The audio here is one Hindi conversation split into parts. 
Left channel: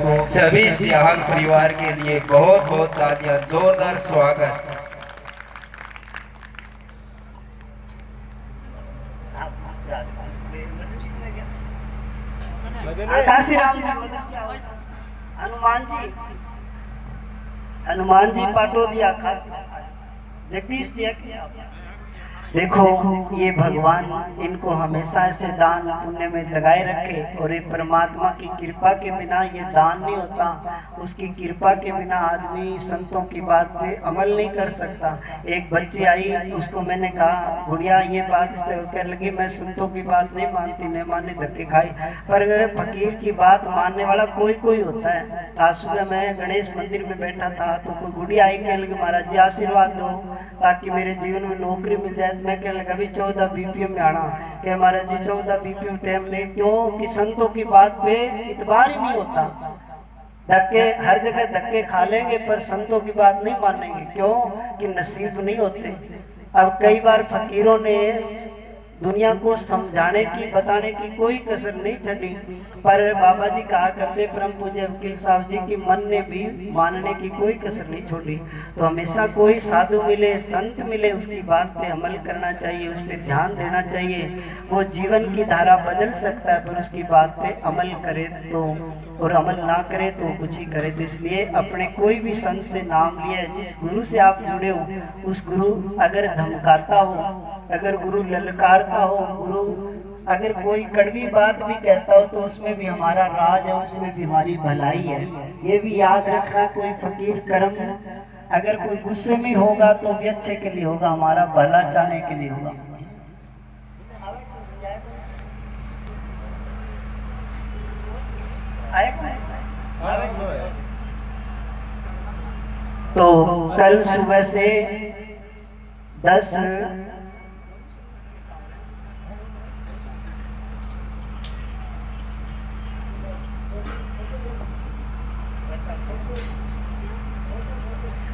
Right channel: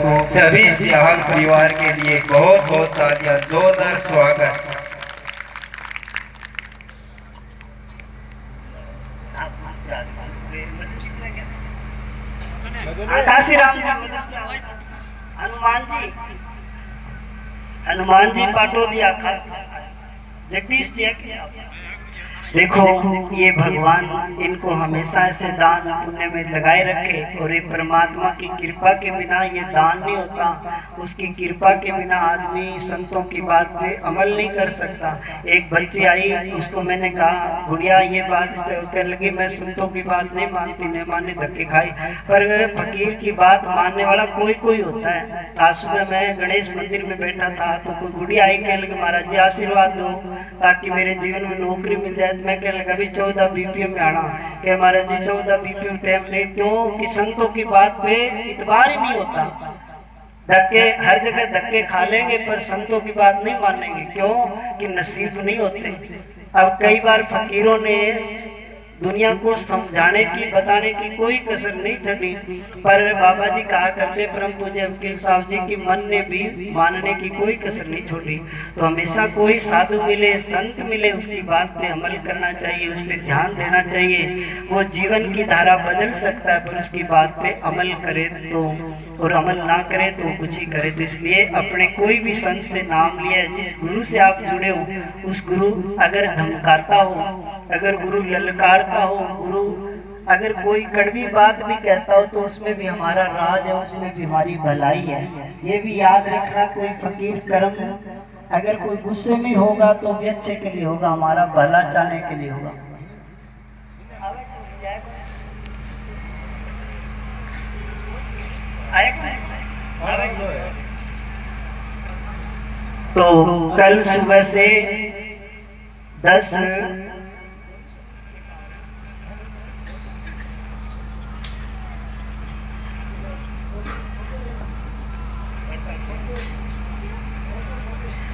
सभी सियाहन परिवार के लिए बहुत बहुत तालियां, जोरदार स्वागत। हनुमान जी पाटोदिया जगदीश जी। देखो ये भगवान इनको हमेशा से दान पुण्य में लगाए रखे, और ये परमात्मा की कृपा के बिना ये दान नहीं होता। उसकी कृपा के बिना आदमी संतों की बात पे अमल नहीं कर सकता। एक बच्ची आई, उसको मैंने कहा गुड़िया ये बात कहने लगी मैं संतों की बात नहीं मानती, नहीं माने धक्के खाई। पर फकीर की बात मानने वाला कोई कोई होता है। आज सुबह मैं गणेश मंदिर में बैठा था तो कोई गुड़िया आई, कहने लगी महाराज जी आशीर्वाद दो ताकि मेरे जीवन में नौकरी मिल जाए। मैं कहने लगा अभी 14 बीपीएम में आना कि महाराज जी 14 बीपीएम टाइम नहीं, क्यों कि संतों की बात पे इतबार ही नहीं होता। धक्के हर जगह धक्के खा लेंगे पर संतों की बात नहीं मानेंगे, क्यों कि नसीब नहीं होते। अब कई बार फकीरों ने दुनिया को समझाने की बताने की कोई कसर नहीं छोड़ी, पर बाबा जी कहा करते परम पूज्य वकील साहब जी की मन ने भी मानने की कोई कसर नहीं छोड़ी। तो हमेशा कोई साधु मिले संत मिले उसकी बात पे अमल करना चाहिए, उस पर ध्यान देना चाहिए। वो जीवन की धारा बदल सकता है पर उसकी बात पे अमल करे तो, और अमल ना करे तो कुछ ही करे। तो इसलिए अपने कोई भी संत से नाम लिया, जिस गुरु से आप जुड़े हो उस गुरु अगर धमकाता हो, अगर गुरु ललकारता हो, गुरु अगर कोई कड़वी बात भी कहता हो तो उसमें भी हमारा राज है, उसमें भी हमारी भलाई है। ये भी याद रखना, कोई फकीर कर्म अगर कोई गुस्से में होगा तो भी अच्छे के लिए होगा, हमारा भला चाहने के लिए होगा। तो कल सुबह से 10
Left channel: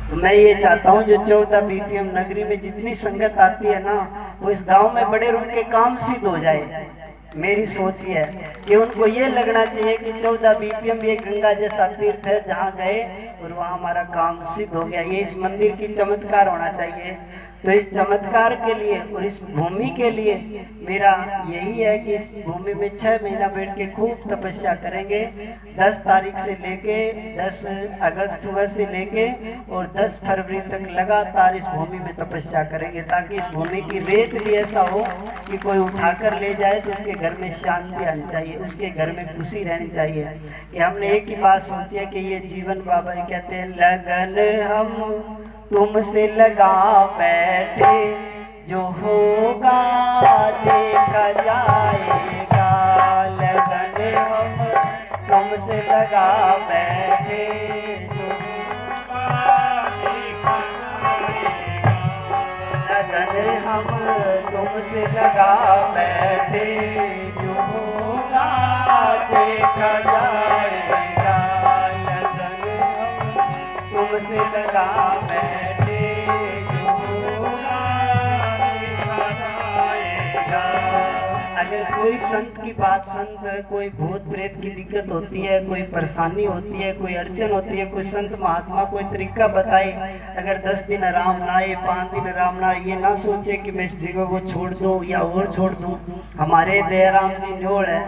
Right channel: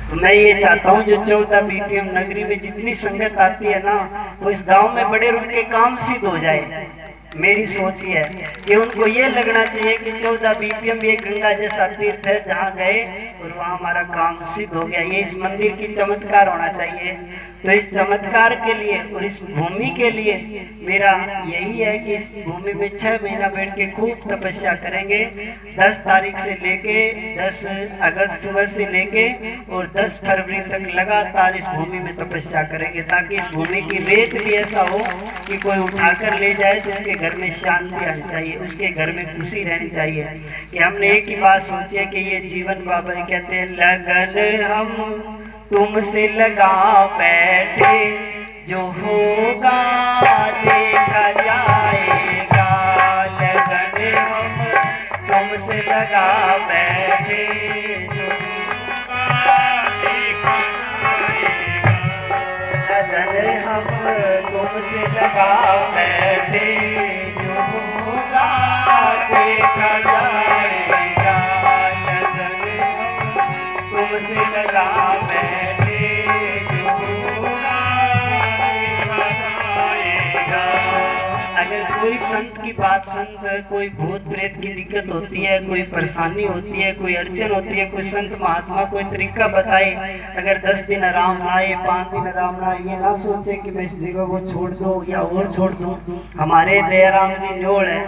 तो मैं ये चाहता हूँ जो 14 बीपीएम नगरी में जितनी संगत आती है ना, वो इस गांव में बड़े उनके काम सिद्ध हो जाए। मेरी सोच ये है कि उनको ये लगना चाहिए कि 14 बीपीएम ये गंगा जैसा तीर्थ है जहाँ गए और वहाँ हमारा काम सिद्ध हो गया। ये इस मंदिर की चमत्कार होना चाहिए। तो इस चमत्कार के लिए और इस भूमि के लिए मेरा यही है कि इस भूमि में 6 महीना बैठ के खूब तपस्या करेंगे। 10 तारीख से लेके 10 अगस्त सुबह से लेके और 10 फरवरी तक लगातार इस भूमि में तपस्या करेंगे, ताकि इस भूमि की रेत भी ऐसा हो कि कोई उठाकर ले जाए तो उसके घर में शांति आनी चाहिए, उसके घर में खुशी रहनी चाहिए। कि हमने एक ही बात सोची है कि ये जीवन बाबा जी कहते हैं लगन हम तुमसे लगा बैठे, जो होगा देखा जाएगा। लगन हम तुमसे लगा बैठे, जो होगा देखा जाएगा। लगन हम तुमसे लगा बैठे, जो होगा देखा जाएगा। लगन हम तुमसे लगा बैठे, जो होगा देखा जाएगा। अगर कोई संत की बात, संत कोई भूत प्रेत की दिक्कत होती है, कोई परेशानी होती है, कोई अड़चन होती है, कोई संत महात्मा कोई तरीका बताए, अगर 10 दिन आराम ना आए, 5 दिन आराम ना आए, ये ना सोचे कि मैं इस जगह को छोड़ दूं या और छोड़ दूं। हमारे दयाराम जी जोड़ है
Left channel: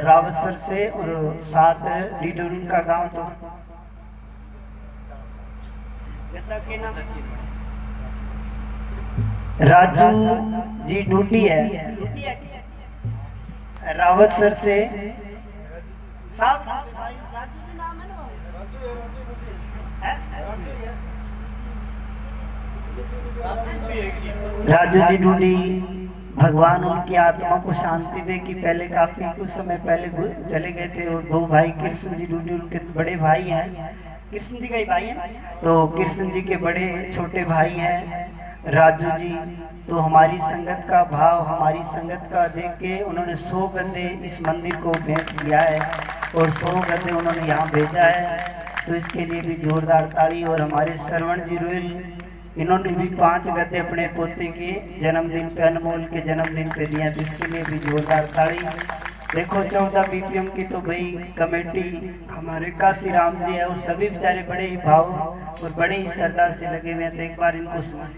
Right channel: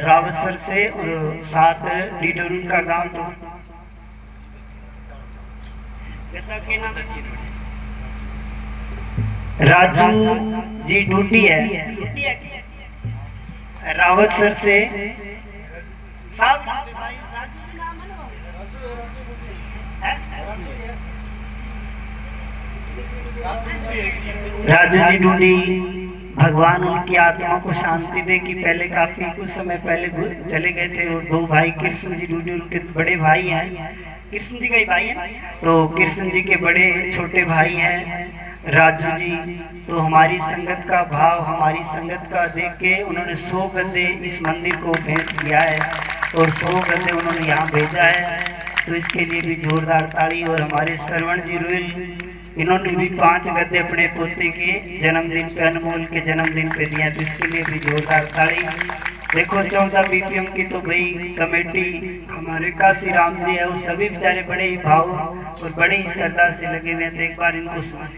रावतसर से और साथ डीडोर का गाँव, तो राजू जी डूटी है रावतसर से। राजू जी डूडी, भगवान उनकी आत्मा को शांति दे कि पहले काफी कुछ समय पहले चले गए थे। और 2 भाई कृष्ण जी डूडी उनके बड़े भाई हैं, कृष्ण जी का ही भाई है, तो कृष्ण जी के बड़े छोटे भाई हैं राजू जी। तो हमारी संगत का भाव, हमारी संगत का देख के उन्होंने 100 गद्दे इस मंदिर को भेंट किया है और 100 गद्दे उन्होंने यहाँ भेजा है। तो इसके लिए भी जोरदार ताली। और हमारे श्रवण जी रोयल, इन्होंने भी 5 गद्दे अपने पोते के जन्मदिन पे, अनमोल के जन्मदिन पे दिया, तो इसके लिए भी जोरदार ताली। देखो 14 बीपीएम की तो भाई कमेटी हमारे काशी राम जी है, वो सभी बेचारे बड़े ही भाव और बड़े ही श्रद्धा से लगे हुए हैं। तो एक बार इनको सुना।